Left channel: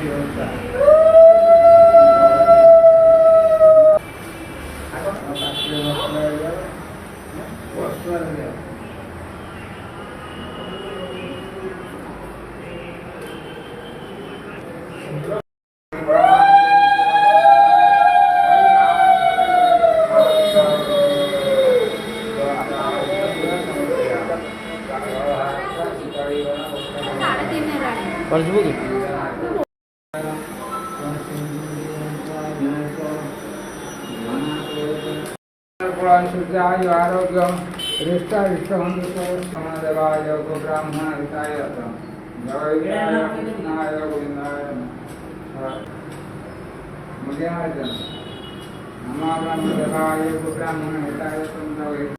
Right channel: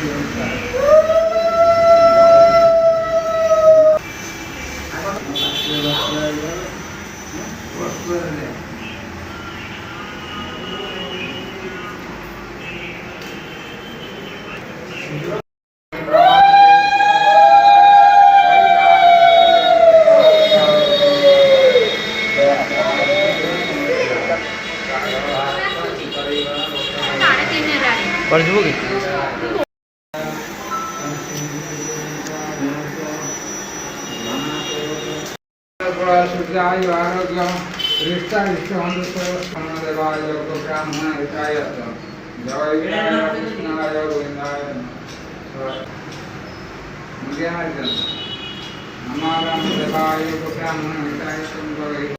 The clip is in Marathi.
बघी आरोग्यम रिष्टा इष्टदेवाय ब्राह्मण हिताय जय कृष्णाय गोविंदाय मुझे नमामि देवाय ब्राह्मण हिताय